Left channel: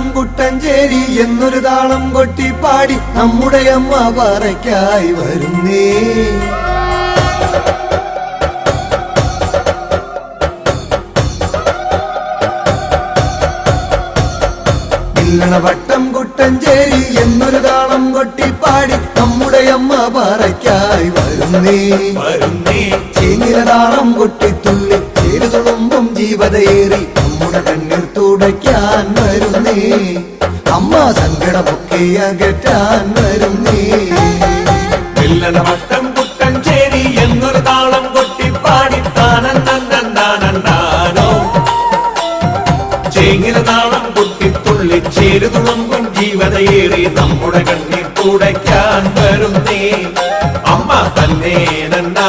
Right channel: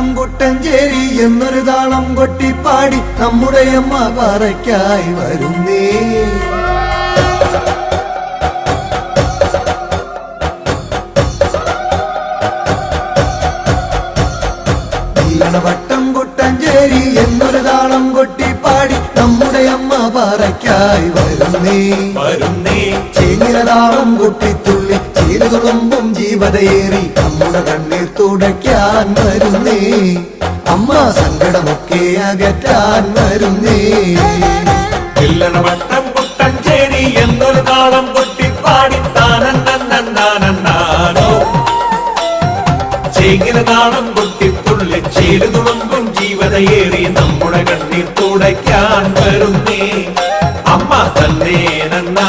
വട്ടം കുട്ടഞ്ചേരി എന്നൊരു താളം കൊട്ടിപ്പാടി നമ്മുടെ അമ്മ പറയ്ക്കായി വരുന്നേ. വട്ടം കുട്ടഞ്ചേരി എന്നൊരു താളം കൊട്ടിപ്പാടി നമ്മുടെ അമ്മ പറയ്ക്കായി വരുന്നേ. ചേങ്ങിലതാളം കൊട്ടിത്തുള്ളി ചേരുതുമ്പും ജീവതയേറി നമ്മുടെ കണ്ണീർ തുടയ്ക്കാൻ വരുന്നേ. അമ്മ സങ്കടമൊക്കെ അകറ്റാൻ വരുന്നേ. വട്ടം കുട്ടഞ്ചേരി എന്നൊരു താളം കൊട്ടിപ്പാടി താനോ ചേങ്ങിലതാളം കൊട്ടിത്തുള്ളി ചേരുതുമ്പും ജീവതയേറി നമ്മുടെ കണ്ണീർ തുടയ്ക്കാൻ വരുന്നേ. അമ്മ തന്നെ നന്നാ